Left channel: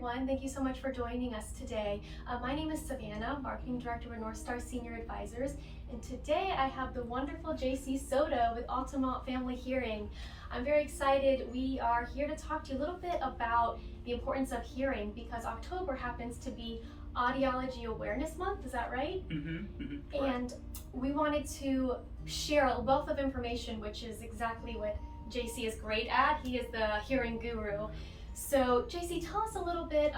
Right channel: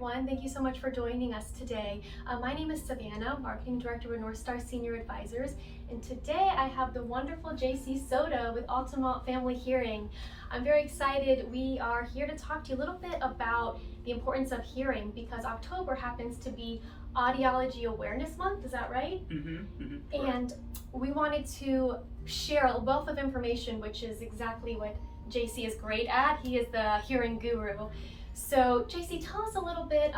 everyone. Thank you so much for joining us today. My name is Savannah, Marketing Director with North Star Senior Advisors, and today I have the wonderful Jaysee Soto with Altamonte Family Hearing. I'm very excited. We are here to talk to you a little bit about the importance of hearing because October happens to be Audiology Awareness Month, is that right? And we wanted to share a wealth of information, which is exactly what Jaysee is great at. He is the hearing guru. So Jaysee, tell us a little bit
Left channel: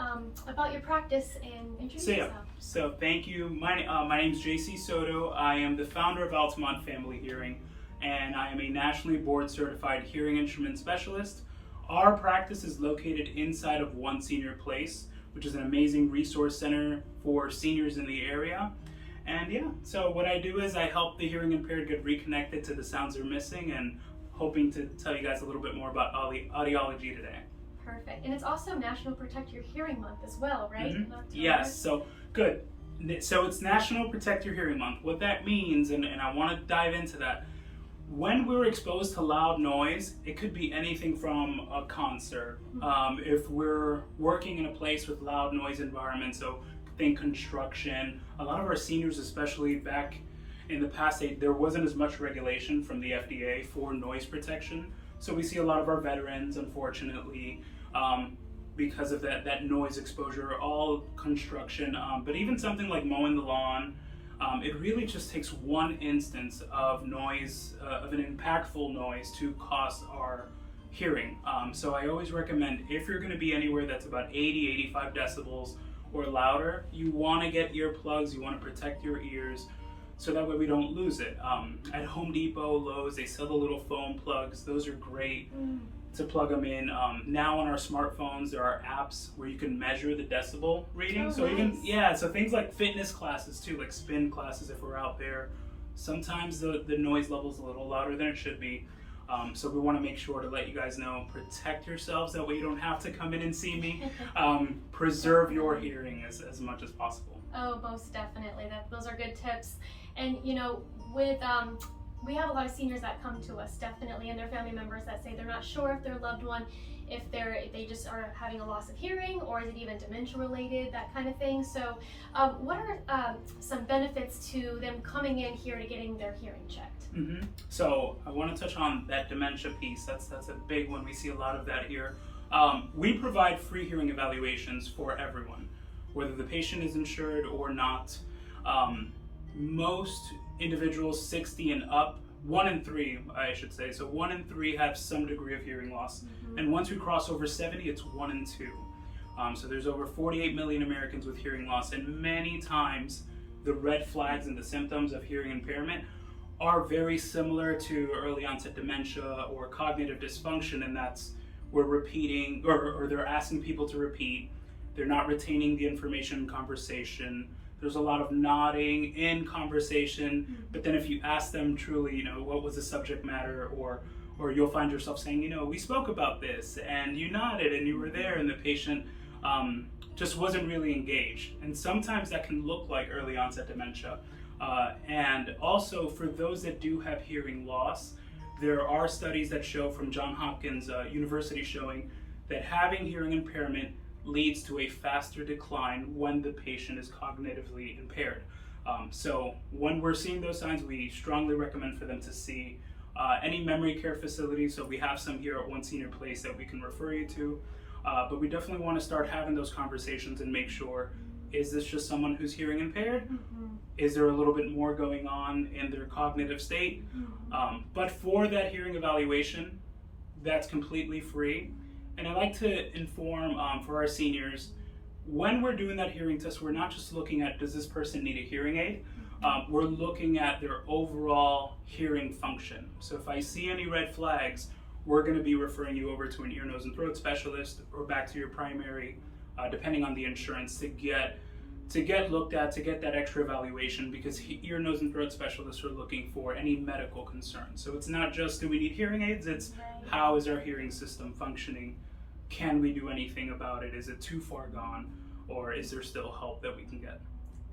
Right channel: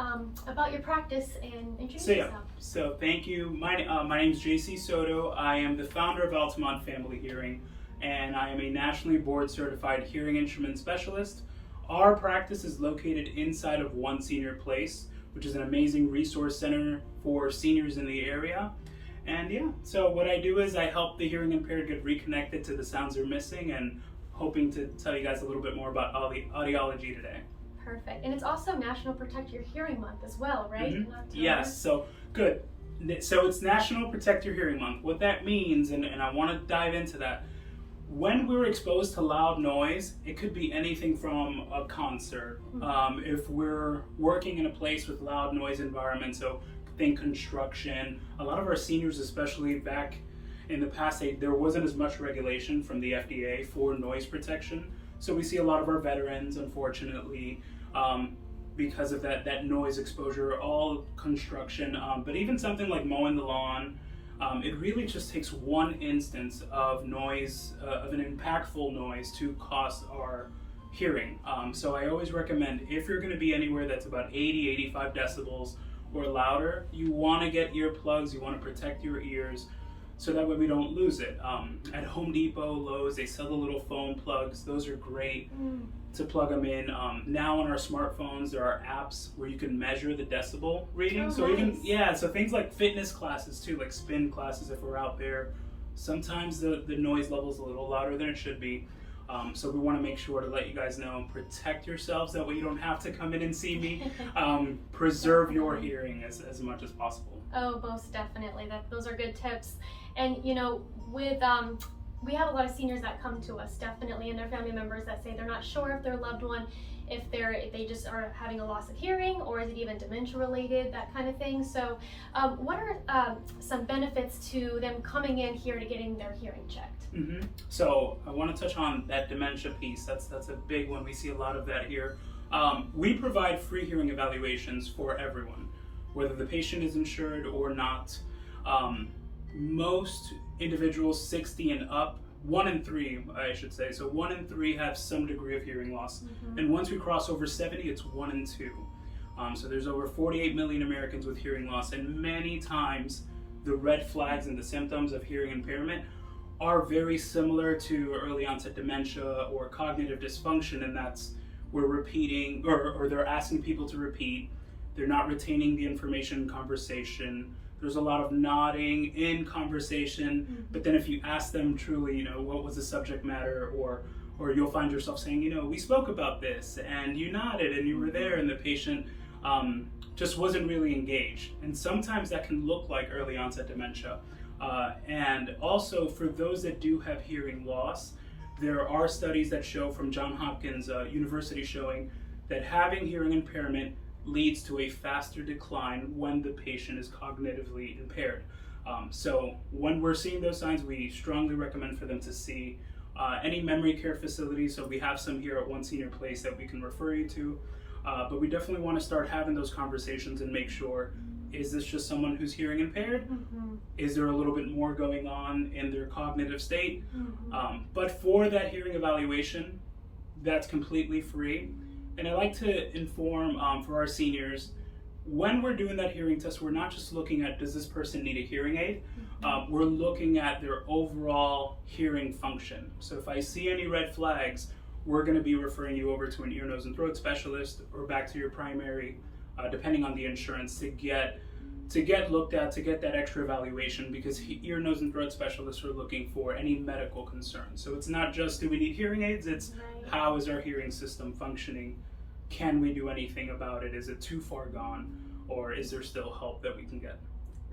about your practice and introduce yourself. So thank you. My name is Jaysee Soto. I am the founder of Altamonte Family Hearing, and I am a nationally board certified hearing instrument specialist. Our practice is located inside of One Senior Place, which is an amazing resource center for seniors in the area. And yeah, so what I do is I help the hearing impaired get reconnected to the sounds they're missing, and hoping to tell you guys a little bit more about audiology today. Perfect. And it's also National Protect Your Hearing Month as well, right? Yes, so good. So it's National Protect Your Hearing Month. What that means, and I want to dive into that, when we're exposed to loud noise, it could be anything from a concert. If we're working in a place with loud noise environment, so think construction, a lot of our seniors, especially back in the past, there wasn't as much regulation from the FDA for noise protection. So we see a lot of our veterans, unfortunately, because of that noise exposure, all construction, but even something like mowing the lawn, it really just takes one instance of noise, of an impactful noise to cost our hearing. So I always recommend, if you're gonna be anywhere that's about 80, 85 decibels or louder, you wanna get earplugs, you wanna protect your ears, so that way we don't lose it. At Home Depot, Lowe's, they sell the little foam plugs. Those are great to plug them in. Now on our smartphones, there are apps where you can measure the decibel reading. So things like fitness classes too, like spin classes if we're out there. Sometimes the noise level's a little louder than it should be. So we want to make sure to let you guys know, protect yourselves, that way you don't have to come in and see me. Preserve your hearing as much as possible. Oh, most definitely. Those are good tips. And you know, with we have a lot of seniors that come to us, definitely, and their family members that say they're not sure if their loved one, if they just are having a loss of hearing, or is it even dementia related, that kind of thing. So what are some benefits to them coming in here to getting their hearing checked? So I want to touch on that dementia piece. That's a big one. We see a lot of that here. We provide free hearing evaluations for everyone, whether the patient is insured or not. Most individuals 60 and up, 1 in 3 I should say, so 1 in 3 have some degree of hearing loss, and once we cross over 70, it's 1 in 2. So there's over 48 million Americans with hearing loss, and many times the red flags and the symptoms of hearing impairment are very similar to early onset dementia or cognitive dysfunction, and that's we're repeating, or they're asking people to repeat, they're not retaining the information in conversation. There's a lot of nodding in conversation, but then if you ask them truly, you know, what was the subject matter, or you'll find yourself saying, you know, we spoke about this, and you nodded, and you were there, and the patient just wasn't really engaged. And sometimes that can look like early onset dementia. And also for those that do have hearing loss, there are studies that show from Johns Hopkins University showing that having hearing impairment leads to a faster decline when the patient is cognitively impaired. So when we're seeing those signs, we strongly recommend for them to see any memory care facility. So we have some here at One Senior Place that we can refer you to, but we definitely want to start having those conversations and make sure, is this just someone who's hearing impaired? Is there a little bit more going on in their cognitive state? But for that hearing evaluation, that's completely free. And I like to inform for our seniors, when we're doing that hearing test, we're not just looking at, does this person need a hearing aid? We're looking at their overall hearing function. So if I see any red flags, we're going to be referring you over to an ear, nose, and throat specialist, or back to your primary, depending on the insurance, to get looked at, to get that extra evaluation, because ear, nose, and throat specialists are looking for any medical concerns. So it's not just, do we need hearing aids? It's how is our hearing system functioning? Can we do anything about it? Is it too far gone? Or is there still help that we can get?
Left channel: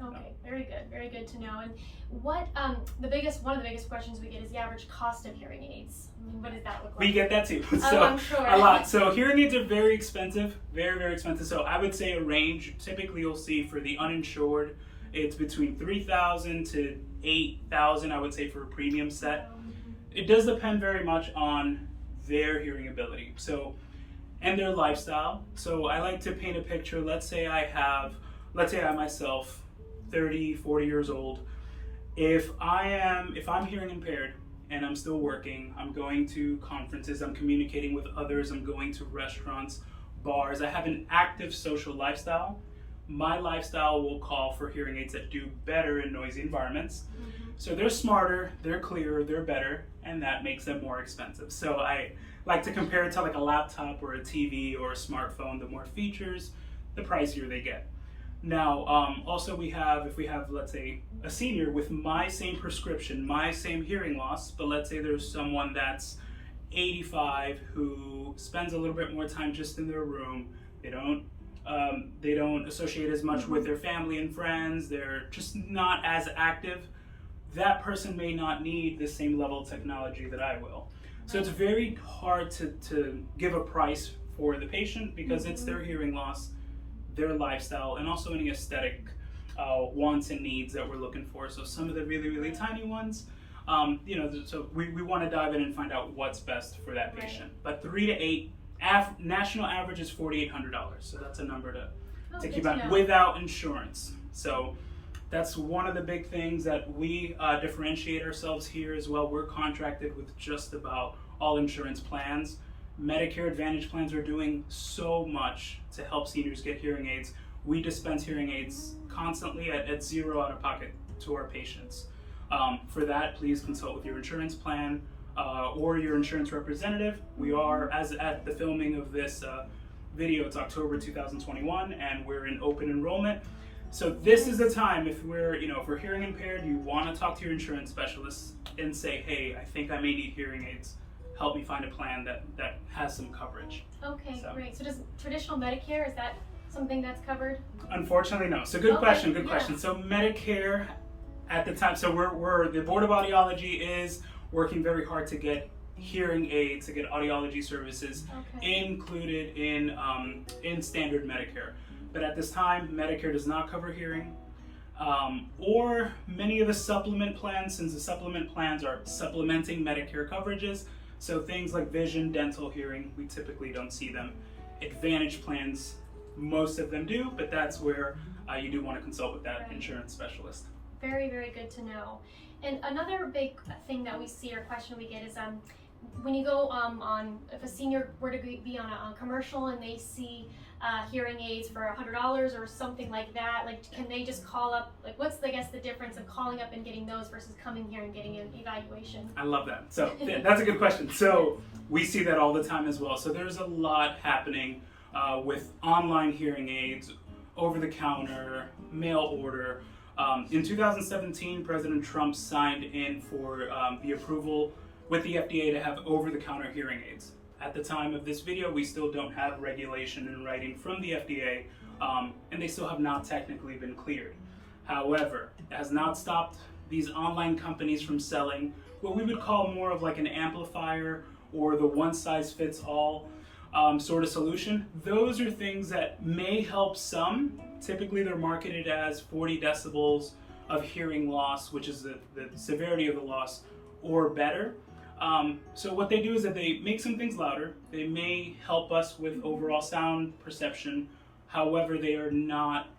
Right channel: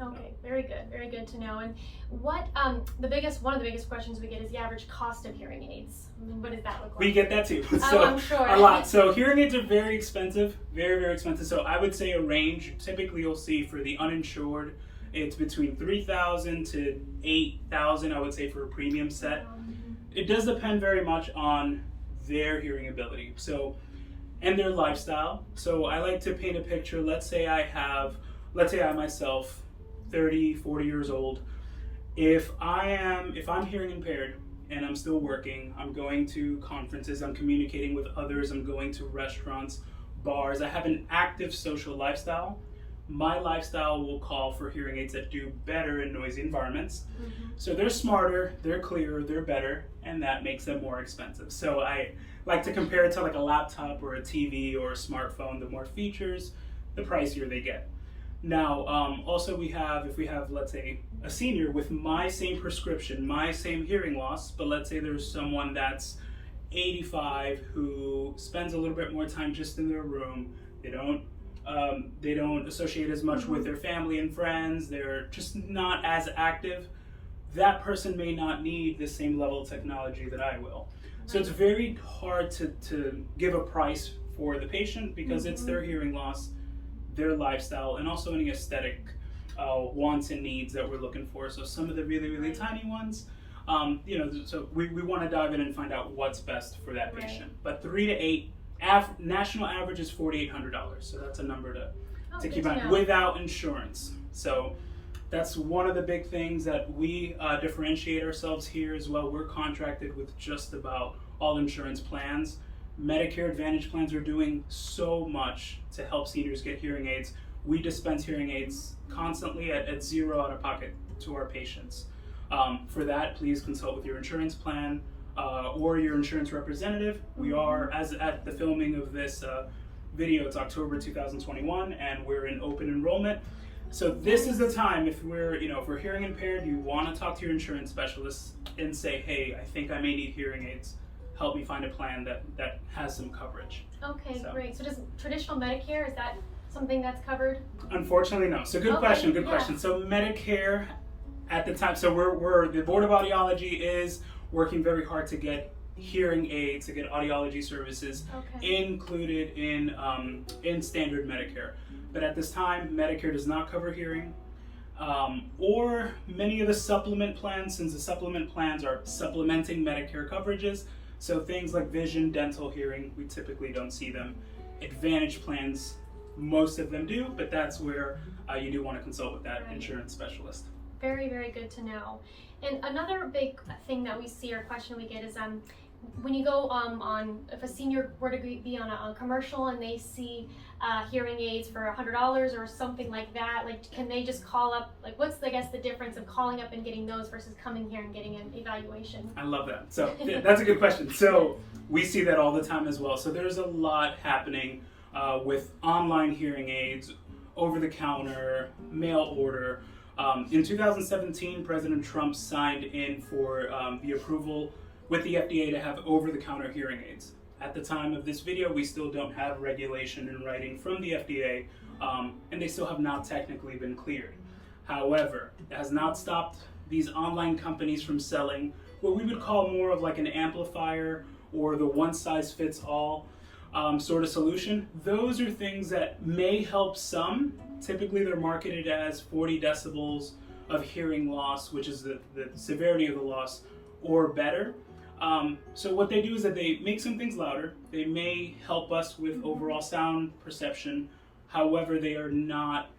Okay, very good to know. And what one of the biggest questions we get is the average cost of hearing aids. I mean, what does that look like? We get that too. So I'm sure. A lot. So hearing aids are very expensive, very expensive. So I would say a range. Typically, you'll see for the uninsured, it's between $3,000 to $8,000. I would say for a premium set. It does depend very much on their hearing ability. So and their lifestyle. So I like to paint a picture. Let's say I myself, 30, 40 years old. If I'm hearing impaired and I'm still working, I'm going to conferences, I'm communicating with others, I'm going to restaurants, bars, I have an active social lifestyle, my lifestyle will call for hearing aids that do better in noisy environments. So they're smarter, they're clearer, they're better, and that makes them more expensive. So I like to compare it to like a laptop or a TV or a smartphone. The more features, the pricier they get. Now, also if we have, let's say, a senior with my same prescription, my same hearing loss, but let's say there's someone that's 85 who spends a little bit more time just in their room. They don't associate as much with their family and friends. They're just not as active. That person may not need the same level of technology that I will. So it's very hard to give a price for the patient because it's their hearing loss, their lifestyle, and also any aesthetic wants and needs that we're looking for. So some of the really tiny ones, so we want to dive in and find out what's best for that patient. But 3 to 8, national average is $4,800. So that's a number to keep on without insurance. So that's one of the big things that we differentiate ourselves here as well. We're contracted with just about all insurance plans. Medicare Advantage plans are doing so much to help seniors get hearing aids. We dispense hearing aids constantly at zero out of pocket to our patients. For that, please consult with your insurance plan or your insurance representative. We are, as at the filming of this video, it's October 2021, and we're in open enrollment. So this is the time, if we're hearing impaired, you want to talk to your insurance specialist and say, hey, I think I may need hearing aids. Help me find a plan that has some coverage. Okay, great. So does traditional Medicare, is that something that's covered? Unfortunately, no. So good question. So Medicare at the time, so we're the Board of Audiology is working very hard to get hearing aids, to get audiology services included in standard Medicare. But at this time, Medicare does not cover hearing, or many of the supplement plans, since the supplement plans are supplementing Medicare coverages. So things like vision, dental, hearing, we typically don't see them. Advantage plans, most of them do, but that's where you do want to consult with that insurance specialist. Very, very good to know. And another big thing that we see or question we get is when you go if a senior were to be on a commercial and they see hearing aids for $100 or something like that, like can they just call up, like what's the difference of calling up and getting those versus coming here and getting an evaluation? I love that. So that's a good question. So we see that all the time as well. So there's a lot happening with online hearing aids, over the counter, mail order. In 2017, President Trump signed in for the approval with the FDA to have over-the-counter hearing aids. At the time of this video, we still don't have regulation in writing from the FDA, and they still have not technically been cleared. However, it has not stopped these online companies from selling what we would call more of like an amplifier or the one-size-fits-all sort of solution. Those are things that may help some. Typically, they're marketed as 40 decibels of hearing loss, which is the severity of the loss, or better. So what they do is that they make some things louder. They may help us with overall sound perception. However, they are not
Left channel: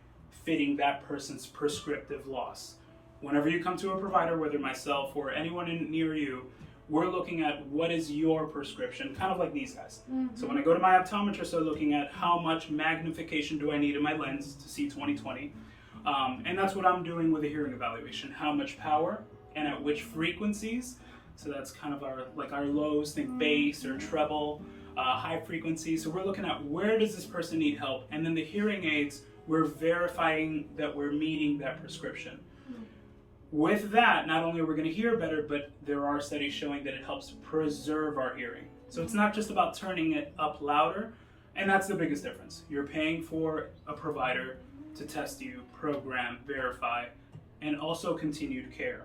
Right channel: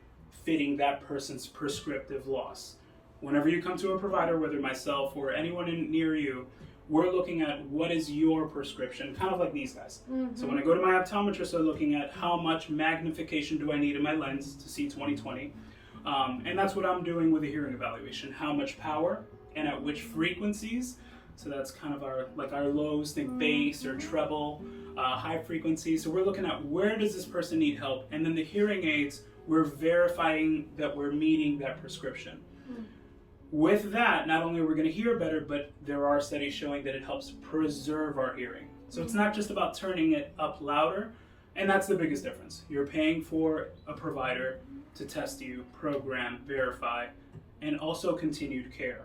fitting that person's prescriptive loss. Whenever you come to a provider, whether myself or anyone near you, we're looking at what is your prescription, kind of like these guys. So when I go to my optometrist, I'm looking at how much magnification do I need in my lens to see 20/20. And that's what I'm doing with a hearing evaluation. How much power and at which frequencies. So that's kind of our lows, think bass or treble, high frequency. So we're looking at where does this person need help, and then the hearing aids, we're verifying that we're meeting that prescription. With that, not only are we going to hear better, but there are studies showing that it helps preserve our hearing. So it's not just about turning it up louder, and that's the biggest difference. You're paying for a provider to test you, program, verify, and also continued care.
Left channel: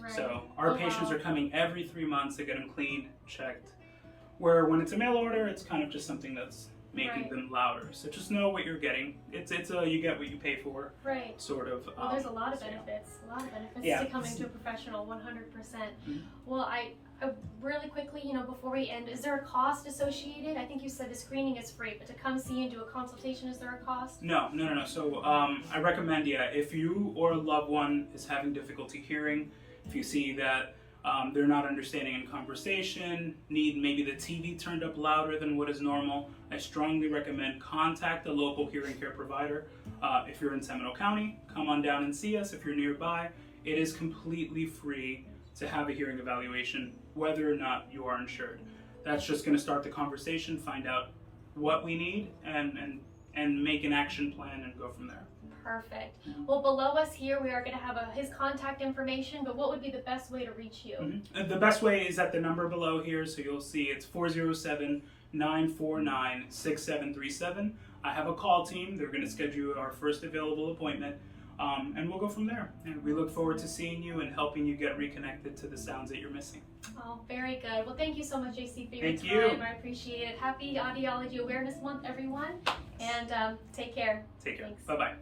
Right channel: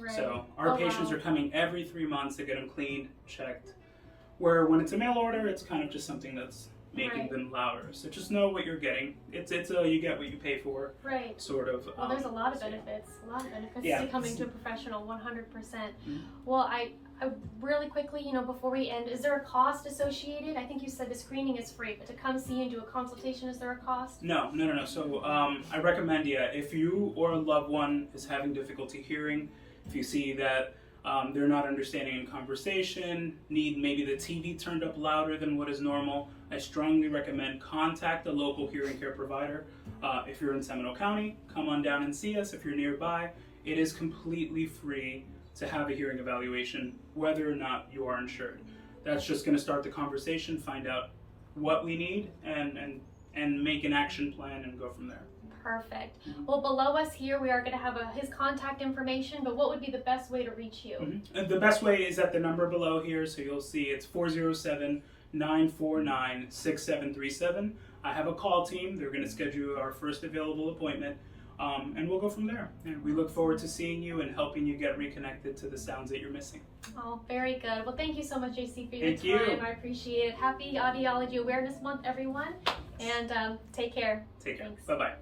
Right. So our patients are coming every 3 months to get them cleaned, checked. Where when it's a mail order, it's kind of just something that's making them louder. So just know what you're getting. It's a you get what you pay for. Right. Sort of. Well, there's a lot of benefits. A lot of benefits to coming to a professional. 100%. Mm-hmm. Well, I really quickly, before we end, is there a cost associated? I think you said the screening is free, but to come see and do a consultation, is there a cost? No. So I recommend, if you or a loved one is having difficulty hearing, if you see that they're not understanding in conversation, need maybe the TV turned up louder than what is normal, I strongly recommend contact the local hearing care provider. If you're in Seminole County, come on down and see us. If you're nearby, it is completely free to have a hearing evaluation, whether or not you are insured. That's just going to start the conversation, find out what we need, and make an action plan and go from there. Perfect. Well, below us here, we are going to have his contact information, but what would be the best way to reach you? And the best way is at the number below here, so you'll see it's 407-949-6737. I have a call team. They're going to schedule our first available appointment, and we'll go from there. And we look forward to seeing you and helping you get reconnected to the sounds that you're missing. Oh, very good. Well, thank you so much, Jaysee, for your Thank time. you. I appreciate it. Happy Audiology Awareness Month, everyone, and take care. Take care. Thanks. Bye-bye.